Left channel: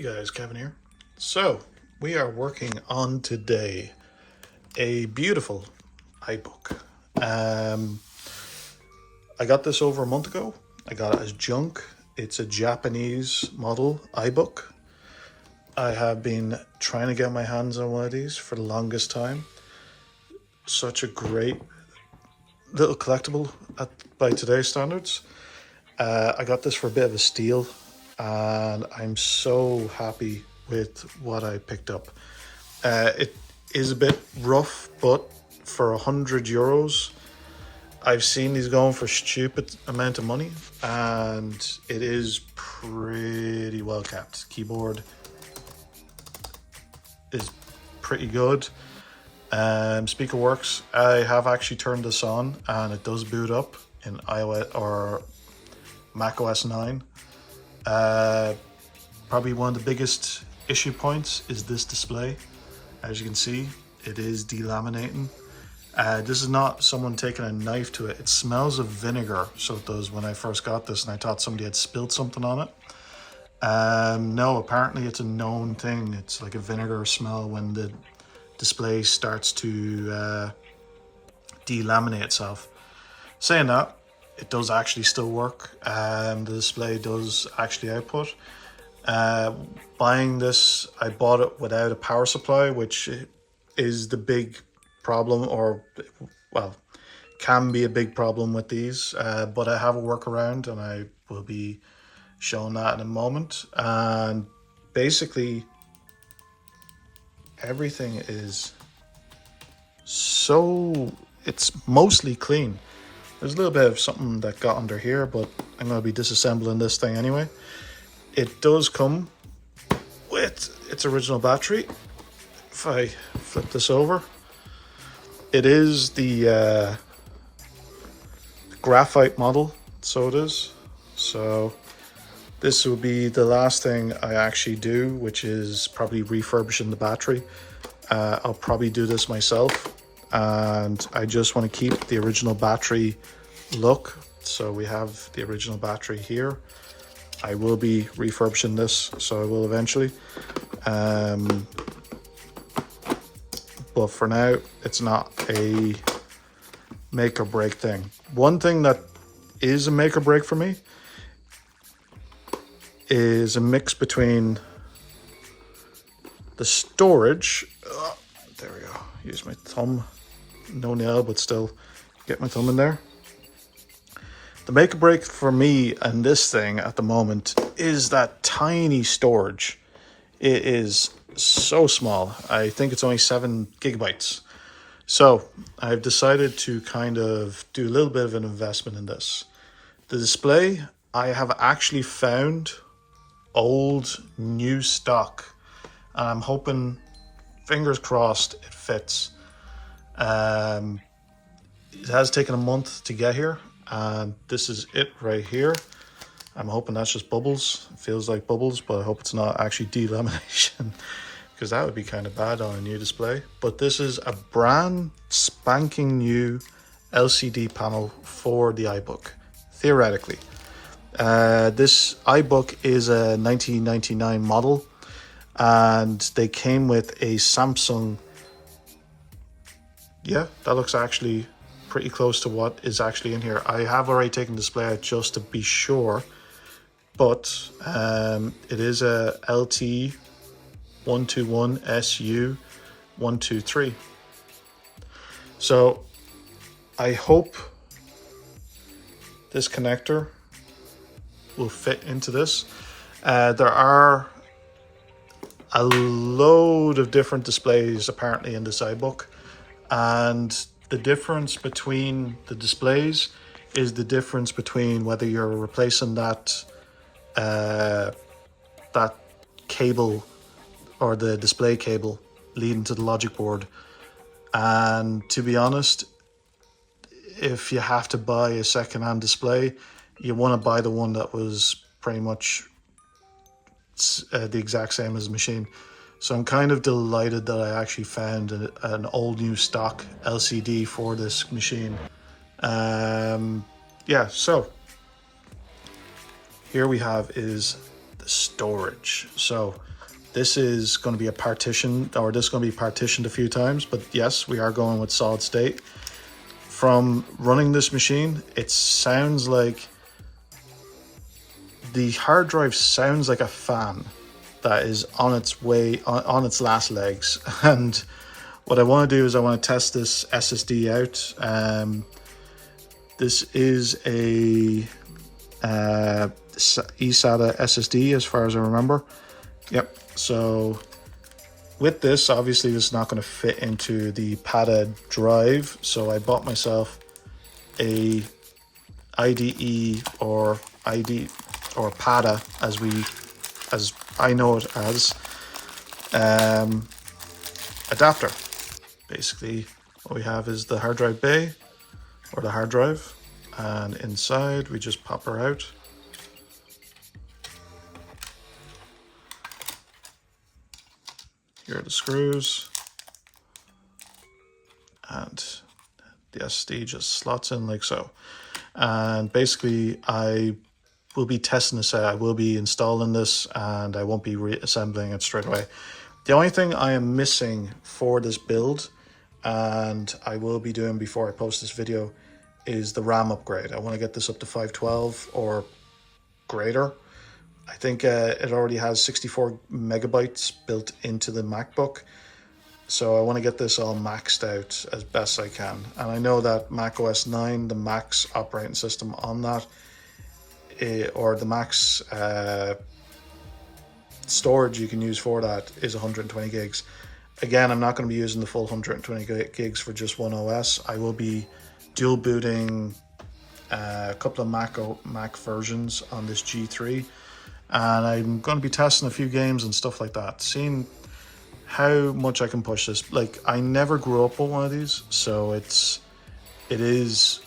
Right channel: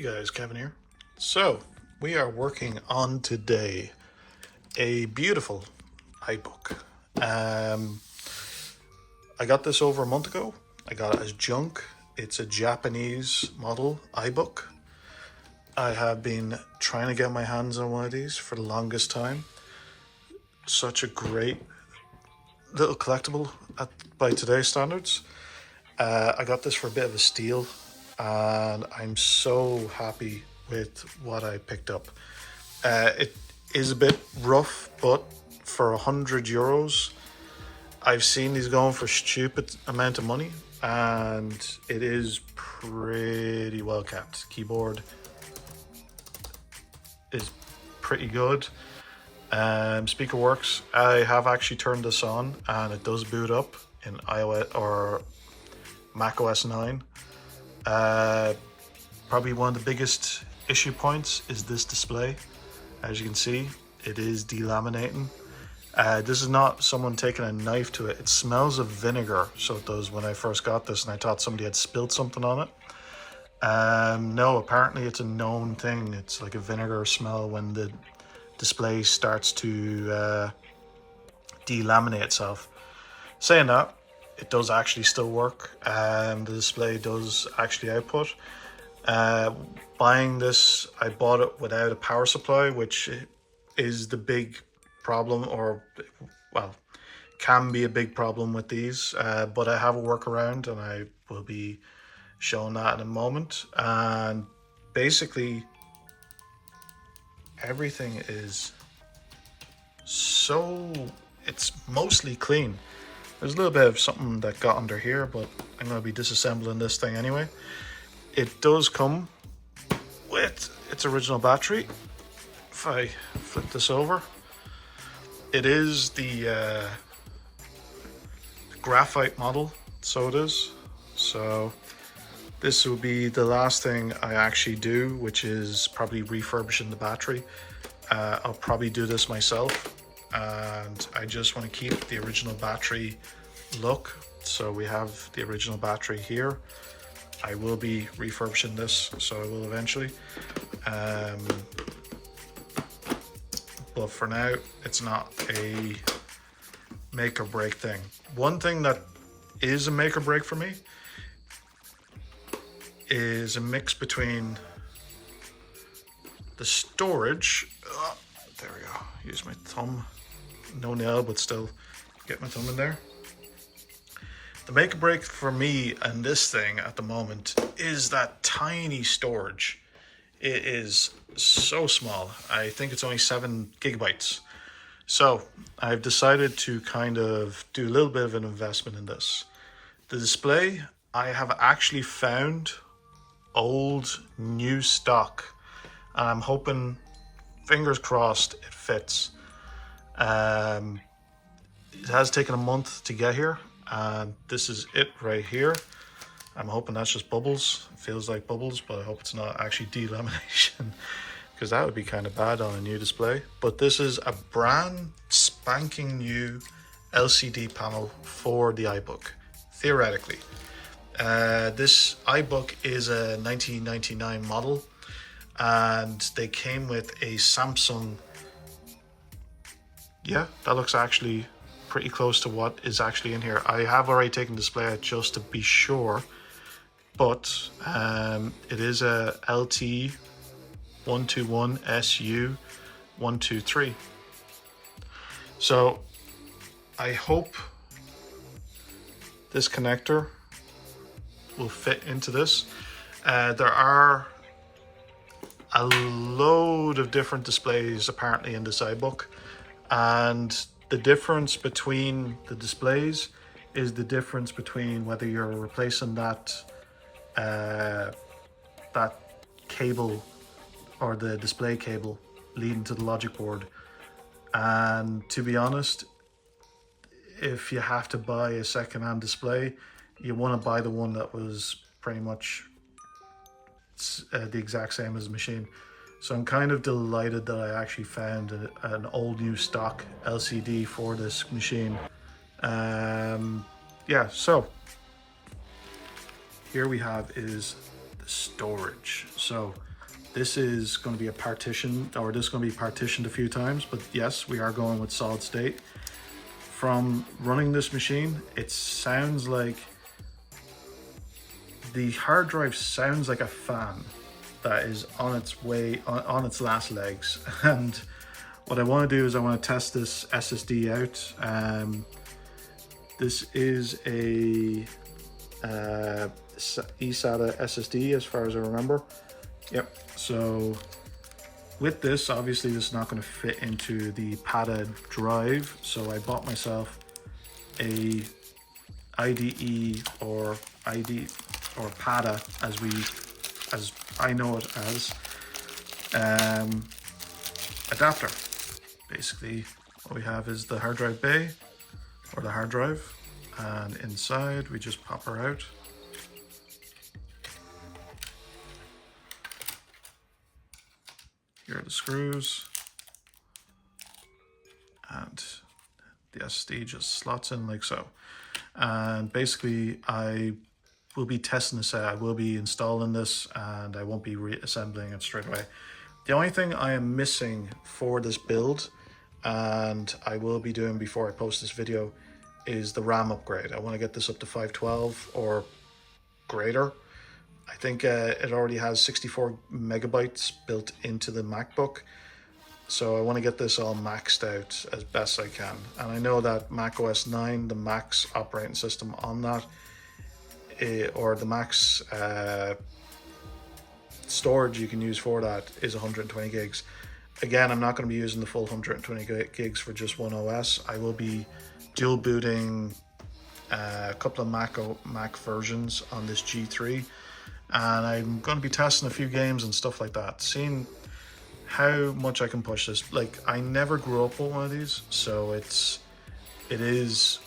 Hey guys, Kevin here. So, we are working on today a beautiful iBook. I got this over a month ago. I got it as junk. It's a Japanese model iBook. I have been trying to get my hands on one of these for the longest time. Such a great little collectible by today's standards. I got this for a bit of a steal, and I'm so happy with what I picked up. It is a bit rough, but for €100, I've seen these going for a stupid amount of money, and it is pretty well kept. Keyboard is pretty good. Speaker works. I have actually turned this on, and it does boot up in iOS or Mac OS 9. Probably one of the biggest issue points is this display. As you can see, it is delaminating. This is not someone taking a knife to it. It smells of vinegar, so it does, when I first got this, and I thought somebody had spilled something on it. No, apparently it's a known thing. It's like a vinegar smell when the display starts to delaminate itself. Saying that, it does actually still work, and the display does actually output. Buying this, I bought it without a power supply, which is the big problem, or well, can be a big problem with these, but I have a workaround, and I will be showing that in a moment. And basically everything is it's mostly clean. There's a little bit of something that got under here, but I'm going to be disassembling this thing anyway. It does come with its original battery. If I flip this over, it is the graphite model, so it is. So this will be the last thing I actually do, which is probably refurbishing the battery. I'll probably do this myself, and I just want to keep the original battery look. So we have the original battery here. I will be refurbishing this, so I will eventually. But for now, it's not a make or break thing. One thing that is a make or break for me is a mix between the storage. There we go. Use my thumb. No nail, but still get my thumb in there. The make or break for me and this thing at the moment is that tiny storage. It is so small. I think it's only 7 gigabytes. So I've decided to kind of do a little bit of an investment in this. The display, I have actually found old new stock, and I'm hoping, fingers crossed, it fits. It has taken a month to get here, and this is it right here. I'm hoping that's just bubbles. It feels like bubbles, but I hope it's not actually delamination, because that would be kind of bad on a new display. But this is a brand spanking new LCD panel for the iBook, theoretically. This iBook is a 1999 model, and they came with a Samsung. Yeah, that looks actually pretty close to what is actually in here. I have already taken the display out just to be sure, but it is a LT121SU123. So I hope this connector will fit into this. There are a load of different displays apparently in this iBook, and the difference between the displays is the difference between whether you're replacing that that cable or the display cable leading to the logic board. And to be honest, if you have to buy a second-hand display, you want to buy the one that was pretty much the exact same as the machine. So I'm kind of delighted that I actually found an old new stock LCD for this machine. Yeah, so here we have is the storage. So this is going to be a partition, or this is going to be partitioned a few times, but yes, we are going with solid state. From running this machine, it sounds like the hard drive sounds like a fan that is on its way, on its last legs. And what I want to do is I want to test this SSD out. This is a eSATA SSD as far as I remember. Yep. So with this, obviously this is not going to fit into the PATA drive. So I bought myself a IDE or PATA as I know it as, adapter. Basically what we have is the hard drive bay, or the hard drive, and inside we just pop her out. Here are the screws, and the SSD just slots in like so. And basically I will be testing this out. I will be installing this, and I won't be reassembling it straight away. The only thing I am missing for this build, and I will be doing before I post this video, is the RAM upgrade. I want to get this up to 512 or greater. I think it already has 64 megabytes built into the MacBook. So I want to get this all maxed out as best I can. And I know that Mac OS 9, the max operating system on that, or the max storage you can use for that is 120 gigs. Again, I'm not going to be using the full 120 gigs for just one OS. I will be dual booting a couple of Mac versions on this G3, and I'm going to be testing a few games and stuff like that, seeing how much I can push this. Like, I never grew up with one of these, so it is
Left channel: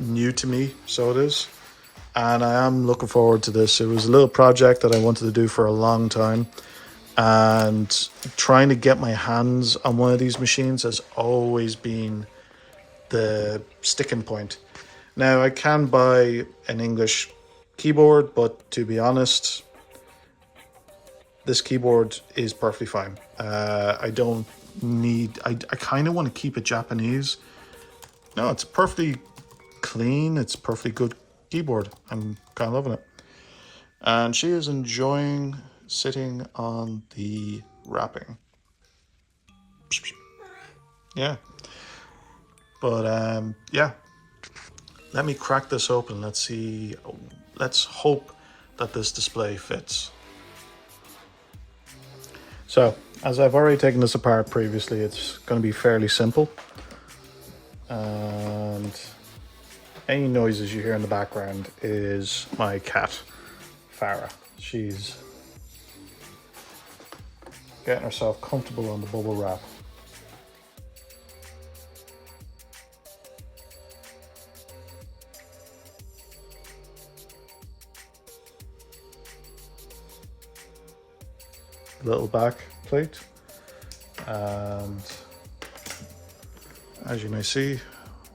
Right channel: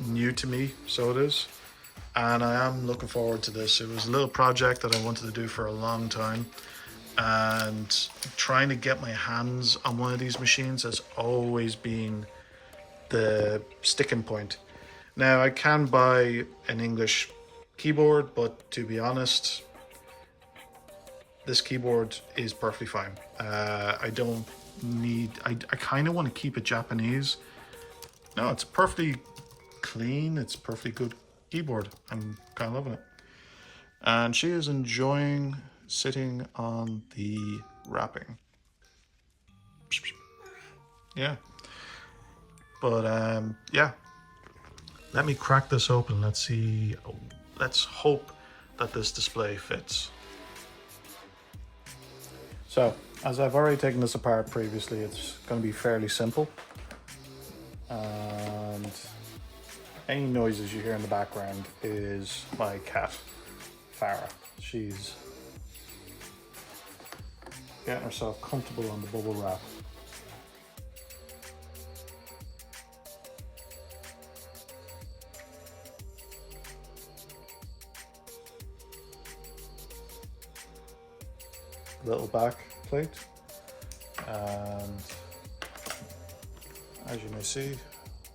new to me, so it is. And I am looking forward to this. It was a little project that I wanted to do for a long time, and trying to get my hands on one of these machines has always been the sticking point. Now, I can buy an English keyboard, but to be honest, this keyboard is perfectly fine. I don't need, I kind of want to keep it Japanese. No, it's perfectly clean. It's perfectly good keyboard. I'm kind of loving it. And she is enjoying sitting on the wrapping. Yeah. But yeah, let me crack this open. Let's see. Let's hope that this display fits. So, as I've already taken this apart previously, it's going to be fairly simple. And any noises you hear in the background is my cat, Farah. She's getting herself comfortable on the bubble wrap. Little back plate, and as you may see,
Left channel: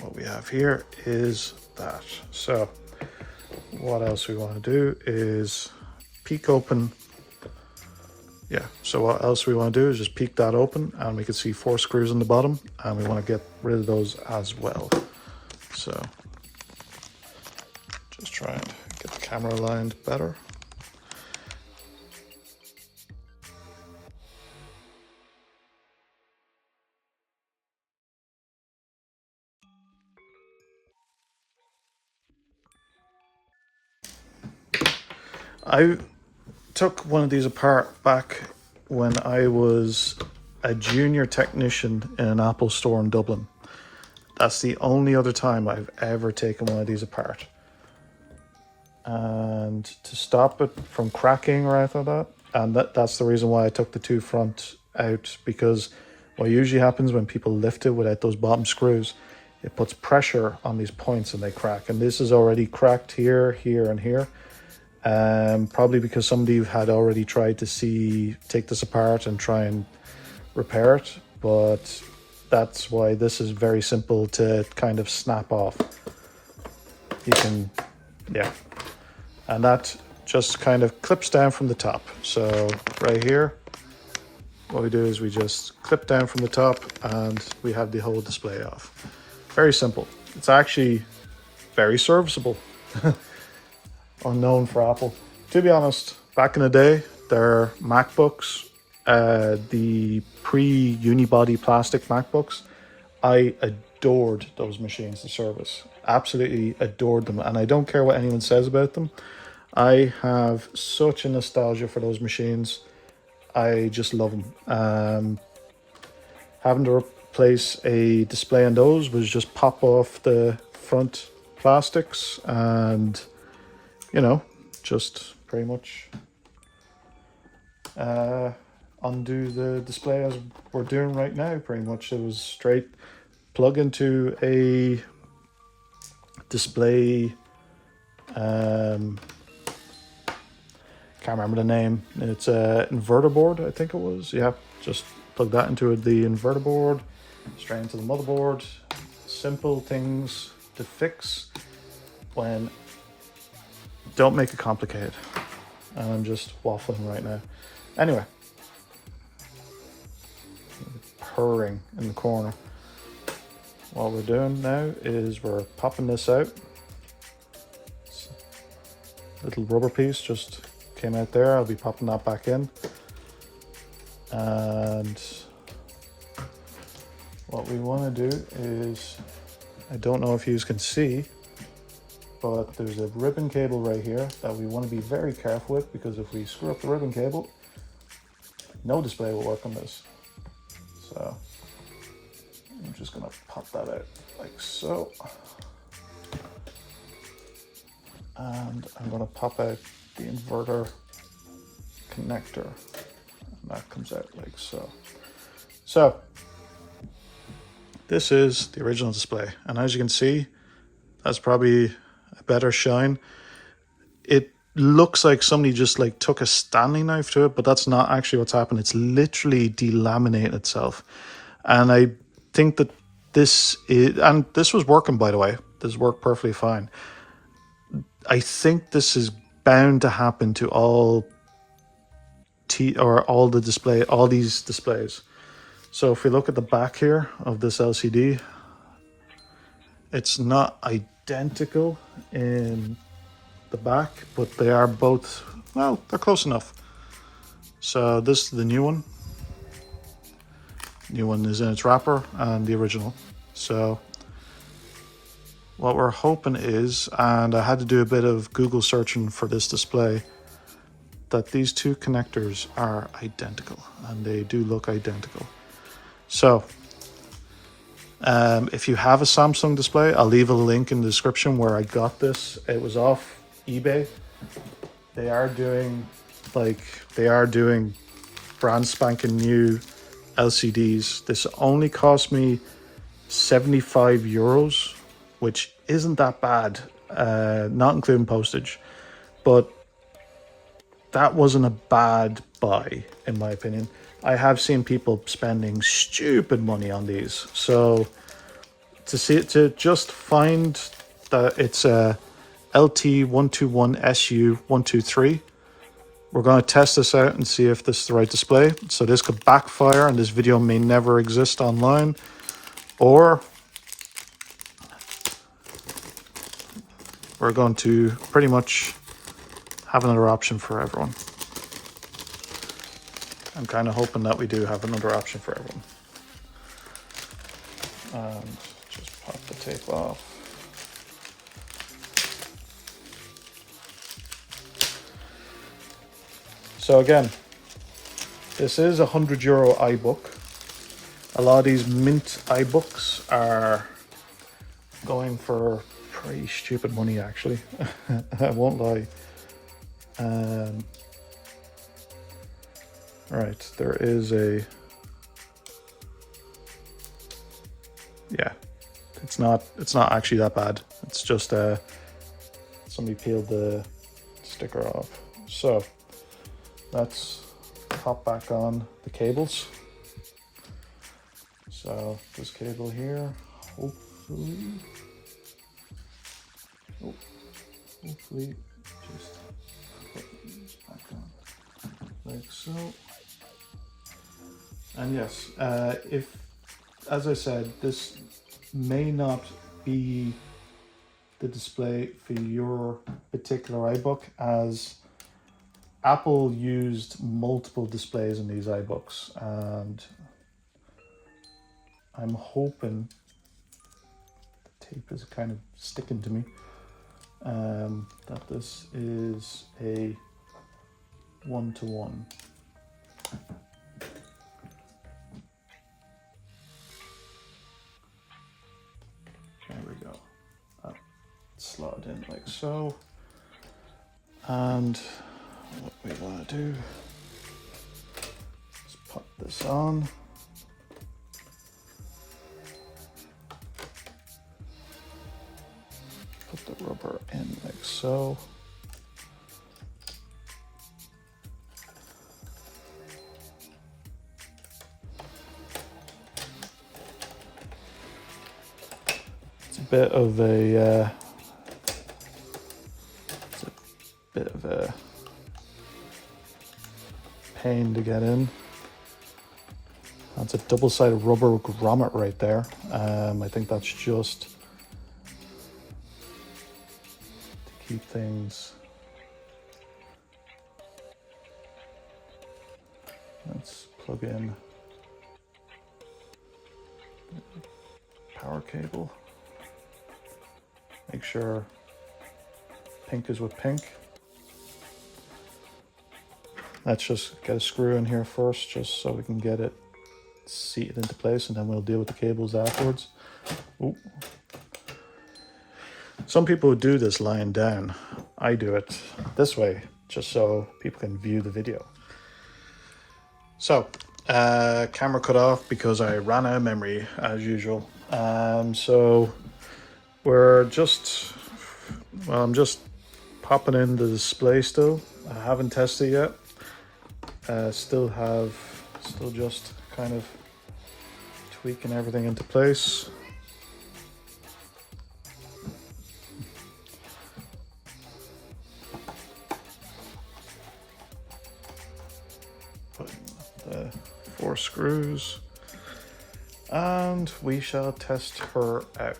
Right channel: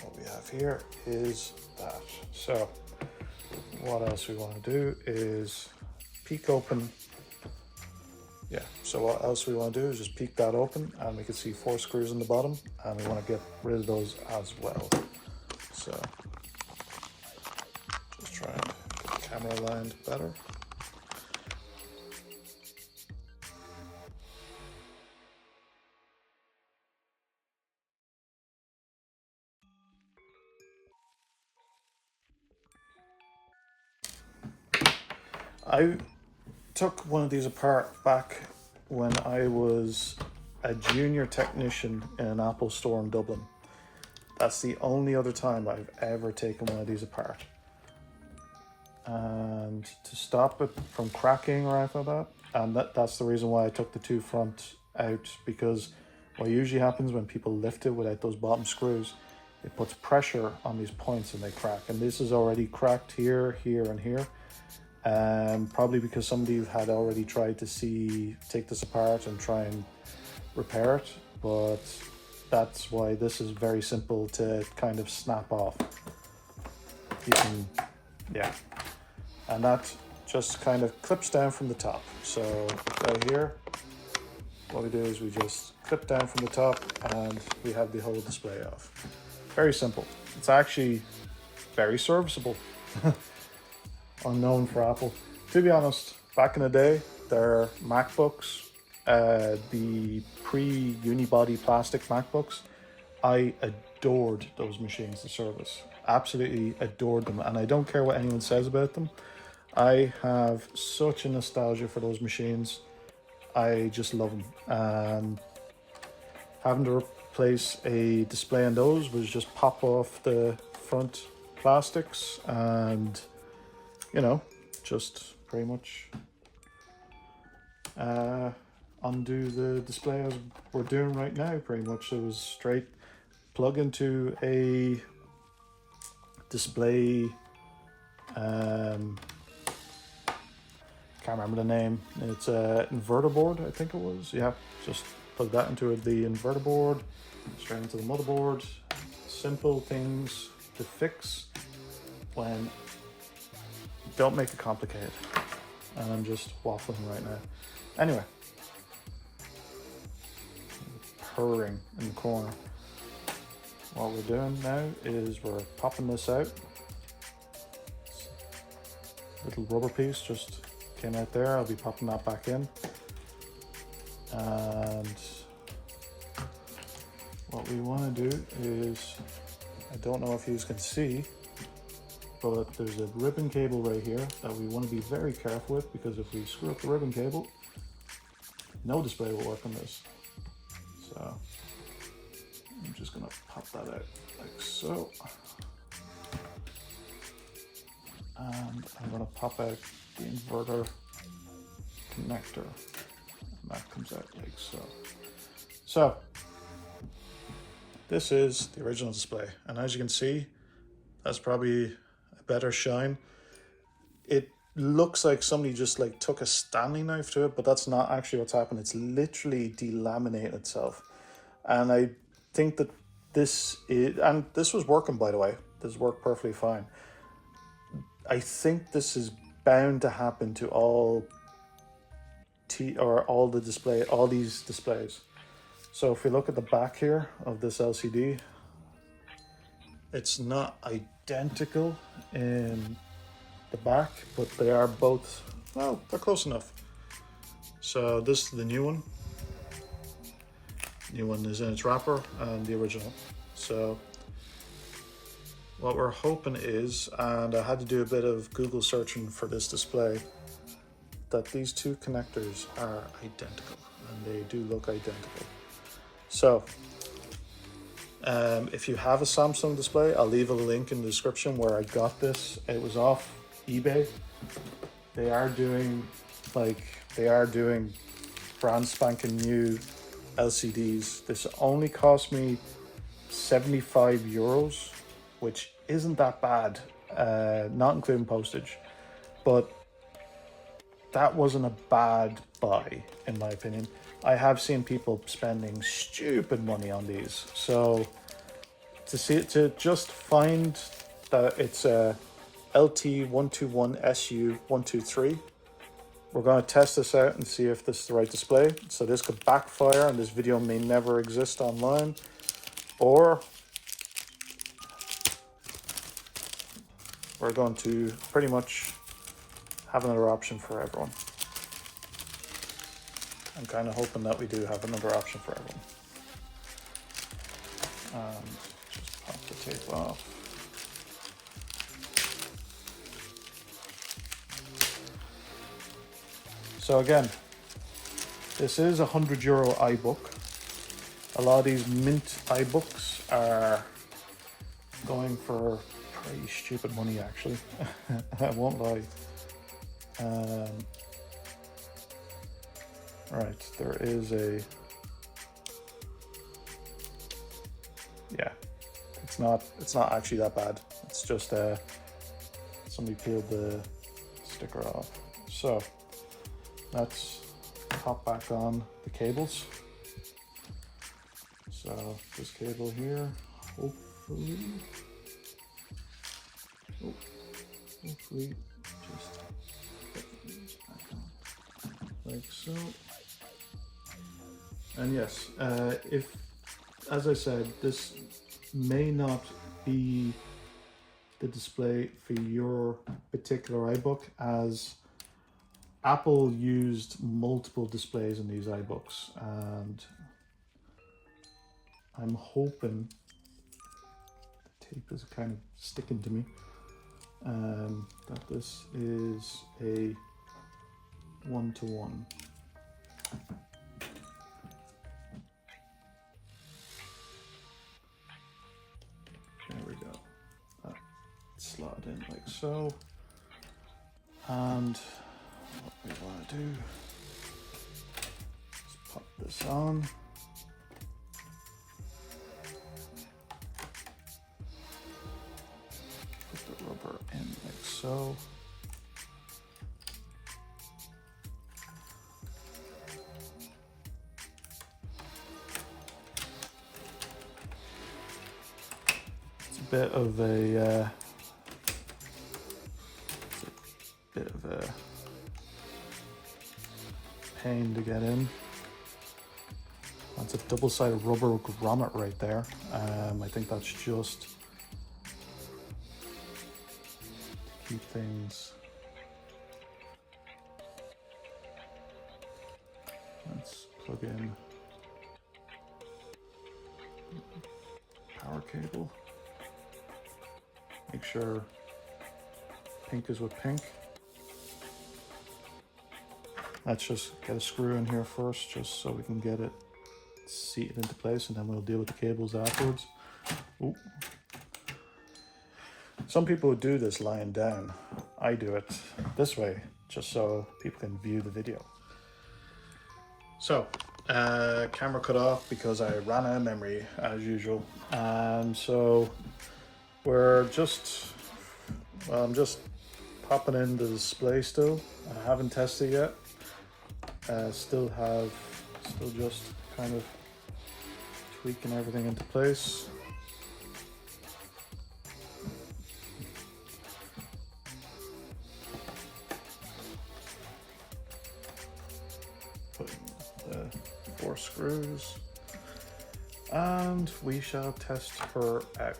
what we have here is that. So what else we want to do is peek open. Yeah, so what else we want to do is just peek that open, and we can see 4 screws on the bottom, and we want to get rid of those as well. So just try and get the camera aligned better. I took one of these apart back when I was a junior technician in an Apple store in Dublin. That's the only other time I've ever taken one of these apart. And to stop it from cracking or anything like that, and that's the reason why I took the 2 front out, because what usually happens when people lift it without those bottom screws, it puts pressure on these points and they crack. And this is already cracked here, here, and here. Probably because somebody had already tried to take this apart and try and repair it, but that's why this is very simple to kind of snap off. You can, yeah, and that just kind of clips down from the top. So right here, what we do is we just clip down from the top and we have the whole display off. Very simple. It's actually very serviceable. Unknown for Apple. To be honest, back in the day, their MacBooks, the pre-unibody plastic MacBooks, I adored those machines to service. Absolutely adored them. And I don't care what anyone says about them. I have such a nostalgia for those machines. I just love them. Having to replace a display on those was just pop off the front plastics and, you know, just pretty much undo the display as we're doing right now. Pretty much it was straight plug into a display, can't remember the name. It's a inverter board, I think it was. Yeah, just plug that into the inverter board, straight into the motherboard. Simple things to fix when don't make it complicated. And I'm just waffling right now. Anyway, purring in the corner. What we're doing now is we're popping this out. Little rubber piece just came out there. I'll be popping that back in. And what we want to do is, I don't know if you can see, but there's a ribbon cable right here that we want to be very careful with, because if we screw up the ribbon cable, no display will work on this. So I'm just going to pop that out like so. And I'm going to pop out the inverter connector. And that comes out like so. So this is the original display. And as you can see, that's probably a better shine. It looks like somebody just like took a Stanley knife to it, but that's not actually what's happened. It's literally delaminated itself. And I think that this is, and this was working, by the way, this worked perfectly fine. I think this is bound to happen to all these displays. So if we look at the back here of this LCD, it's not identical in the back, but they are both, well, they're close enough. So this is the new one. New one is in its wrapper and the original. So what we're hoping is, and I had to do a bit of Google searching for this display, that these two connectors are identical, and they do look identical. So if you have a Samsung display, I'll leave a link in the description where I got this. It was off eBay. They are doing brand spanking new LCDs. This only cost me 75 euros, which isn't that bad, not including postage, but that wasn't a bad buy in my opinion. I have seen people spending stupid money on these, so to just find that it's a LT121SU123, we're going to test this out and see if this is the right display. So this could backfire and this video may never exist online, or we're going to pretty much have another option for everyone. I'm kind of hoping that we do have another option for everyone. Just pop the tape off. So again, this is a €100 iBook. A lot of these mint iBooks are going for pretty stupid money actually. I won't lie. Right, there is a, yeah, it's not actually that bad. It's just somebody peeled the sticker off. So let's pop back on the cables. So this cable here, hopefully just like so. And yes, if, as I said, this may not be the display for your particular iBook, as Apple used multiple displays in these iBooks, and I'm hoping the tape is kind of sticking to me, that this is a one-to-one. There we go. That slot in like so. And what we want to do is put this on. Put the rubber in like so. It's a bit of a pain to get in. That's a double-sided rubber grommet right there. I think that's just to keep things. Let's plug in power cable. Make sure pink is with pink. Let's just get a screw in here first, just so we can get it seated into place, and then we'll deal with the cables afterwards. Ooh. Some people would do this lying down. I do it this way, just so people can view the video. So, camera cut off because I ran out of memory, as usual. So we're just, well, I'm just popping in the display still. I haven't tested it yet. Still just kind of tweaking everything into place. Putting 4 screws, and we shall test her out.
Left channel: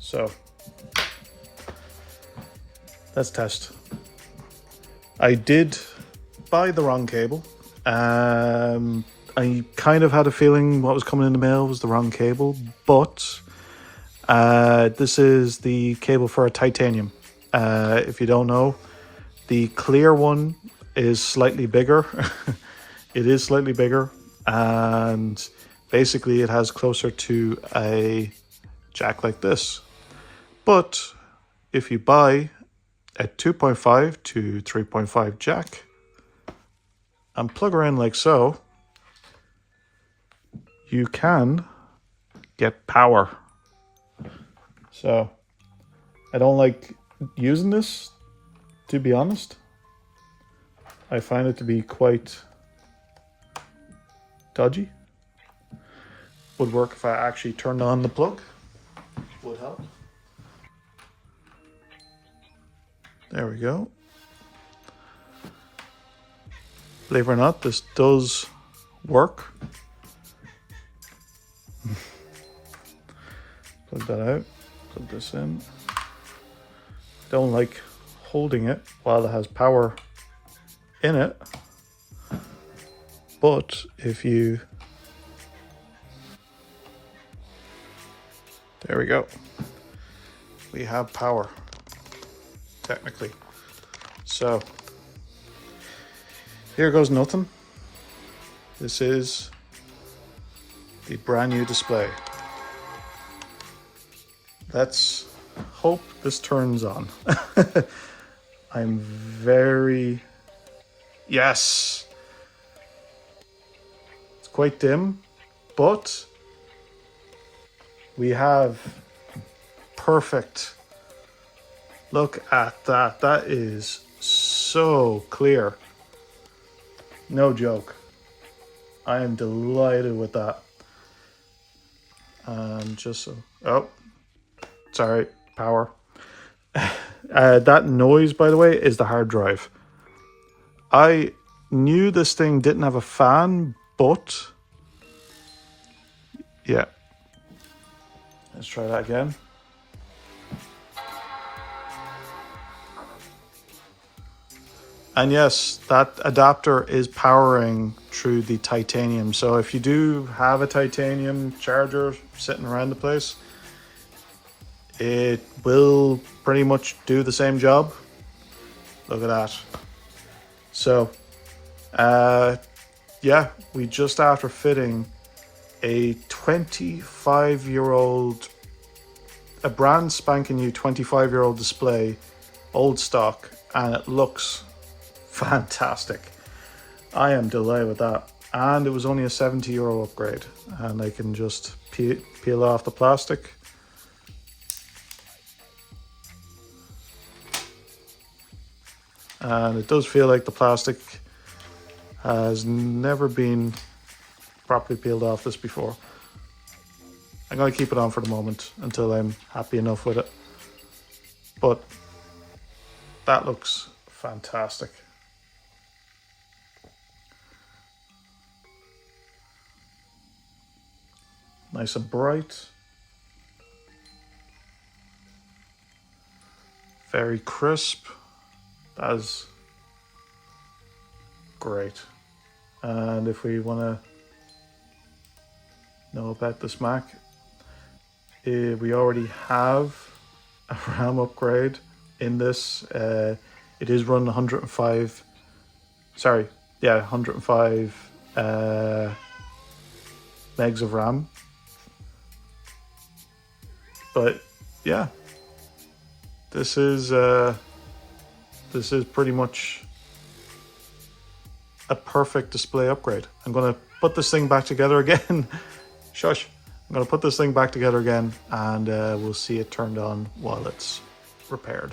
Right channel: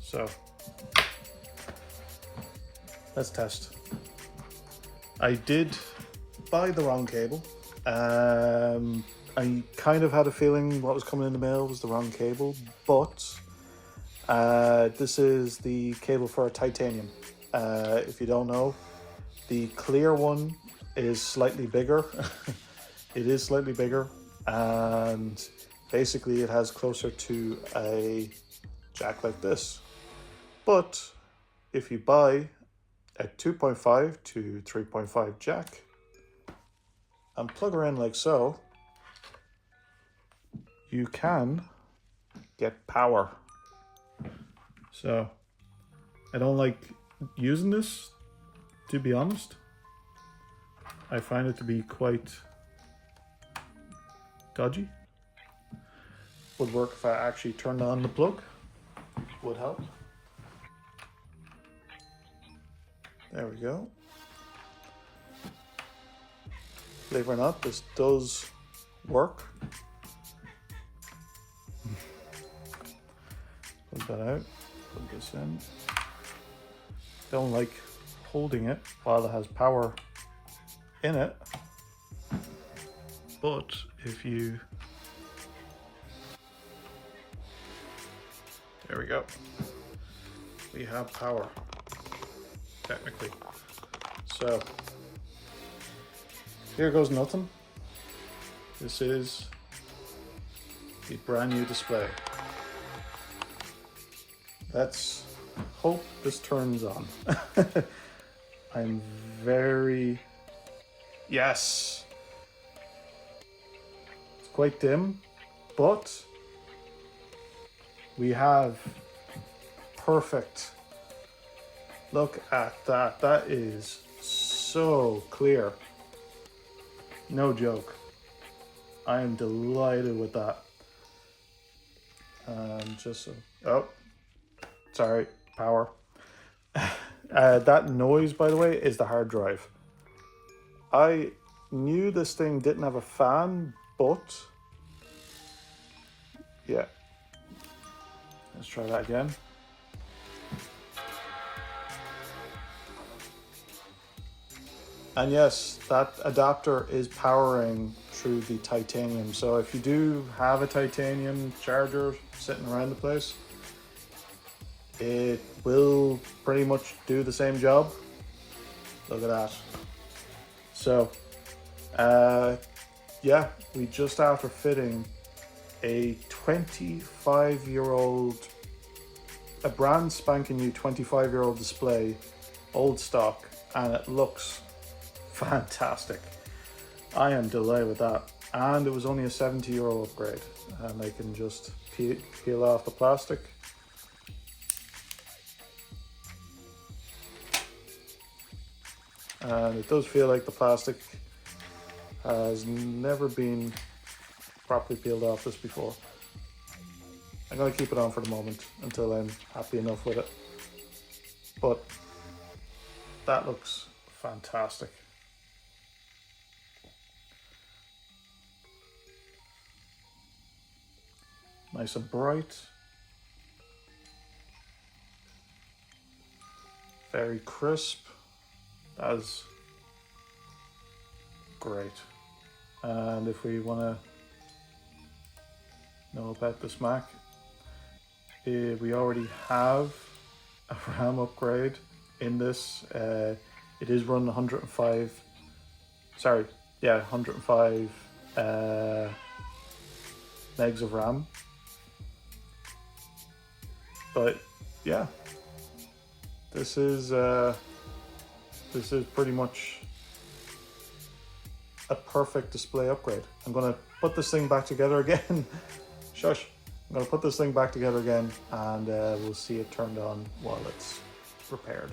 So let's test. I did buy the wrong cable. I kind of had a feeling what was coming in the mail was the wrong cable, but this is the cable for a titanium. If you don't know, the clear one is slightly bigger. It is slightly bigger, and basically it has closer to a jack like this. But if you buy a 2.5 to 3.5 jack and plug her in like so, you can get power. So I don't like using this, to be honest. I find it to be quite dodgy. Would work if I actually turned on the plug. Would help. There we go. Believe it or not, this does work. Plug that out, plug this in. Don't like holding it while it has power in it, but if you, there we go, we have power, technically. So here goes nothing. This is the brand new display. Let's hope this turns on. I'm very, yes, it's quite dim, but we have perfect. Look at that. That is so clear. No joke. I am delighted with that. Just so, oh, sorry, power. That noise, by the way, is the hard drive. I knew this thing didn't have a fan, but yeah. Let's try that again. And yes, that adapter is powering through the titanium. So if you do have a titanium charger sitting around the place, it will pretty much do the same job. Look at that. So, yeah, we just after fitting a 25-year-old, a brand spanking new 25-year-old display, old stock, and it looks fantastic. I am delighted with that. And it was only a 70-euro upgrade, and I can just peel off the plastic. And it does feel like the plastic has never been properly peeled off this before. I'm going to keep it on for the moment until I'm happy enough with it. But that looks fantastic. Nice and bright. Very crisp. That is great. And if we want to know about this Mac, we already have a RAM upgrade in this. It is running 105 megs of RAM. But yeah, this is pretty much a perfect display upgrade. I'm going to put this thing back together again. Shush. I'm going to put this thing back together again, and we'll see it turned on while it's repaired.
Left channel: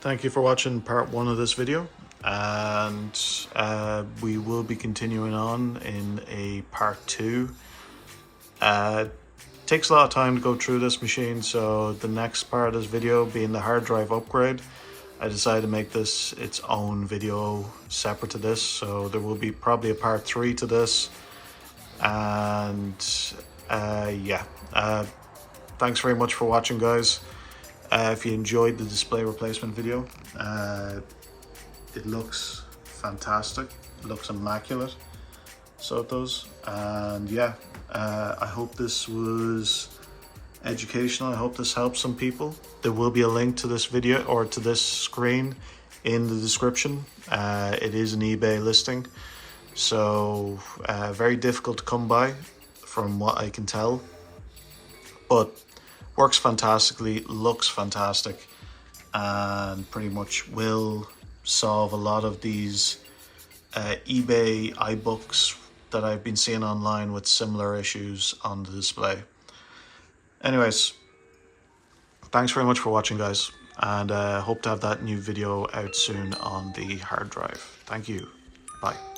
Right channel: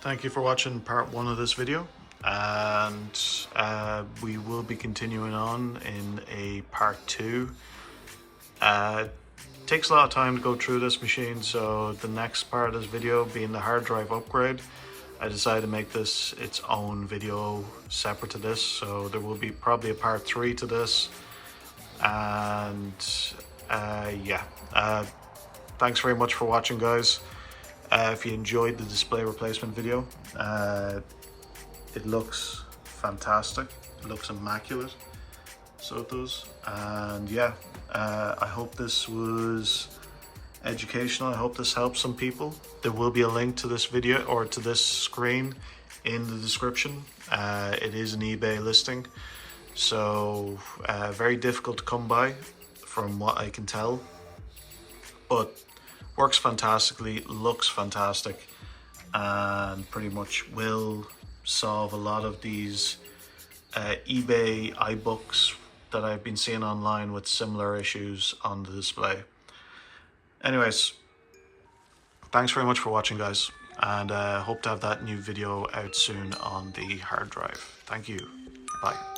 Thank you for watching part 1 of this video, and we will be continuing on in a part 2. Takes a lot of time to go through this machine, so the next part of this video being the hard drive upgrade, I decided to make this its own video separate to this, so there will be probably a part 3 to this. And yeah, thanks very much for watching, guys. If you enjoyed the display replacement video, it looks fantastic, it looks immaculate, so it does. And yeah, I hope this was educational. I hope this helps some people. There will be a link to this video or to this screen in the description. It is an eBay listing, so very difficult to come by from what I can tell, but works fantastically, looks fantastic, and pretty much will solve a lot of these eBay iBooks that I've been seeing online with similar issues on the display. Anyways, thanks very much for watching, guys, and hope to have that new video out soon on the hard drive. Thank you. Bye.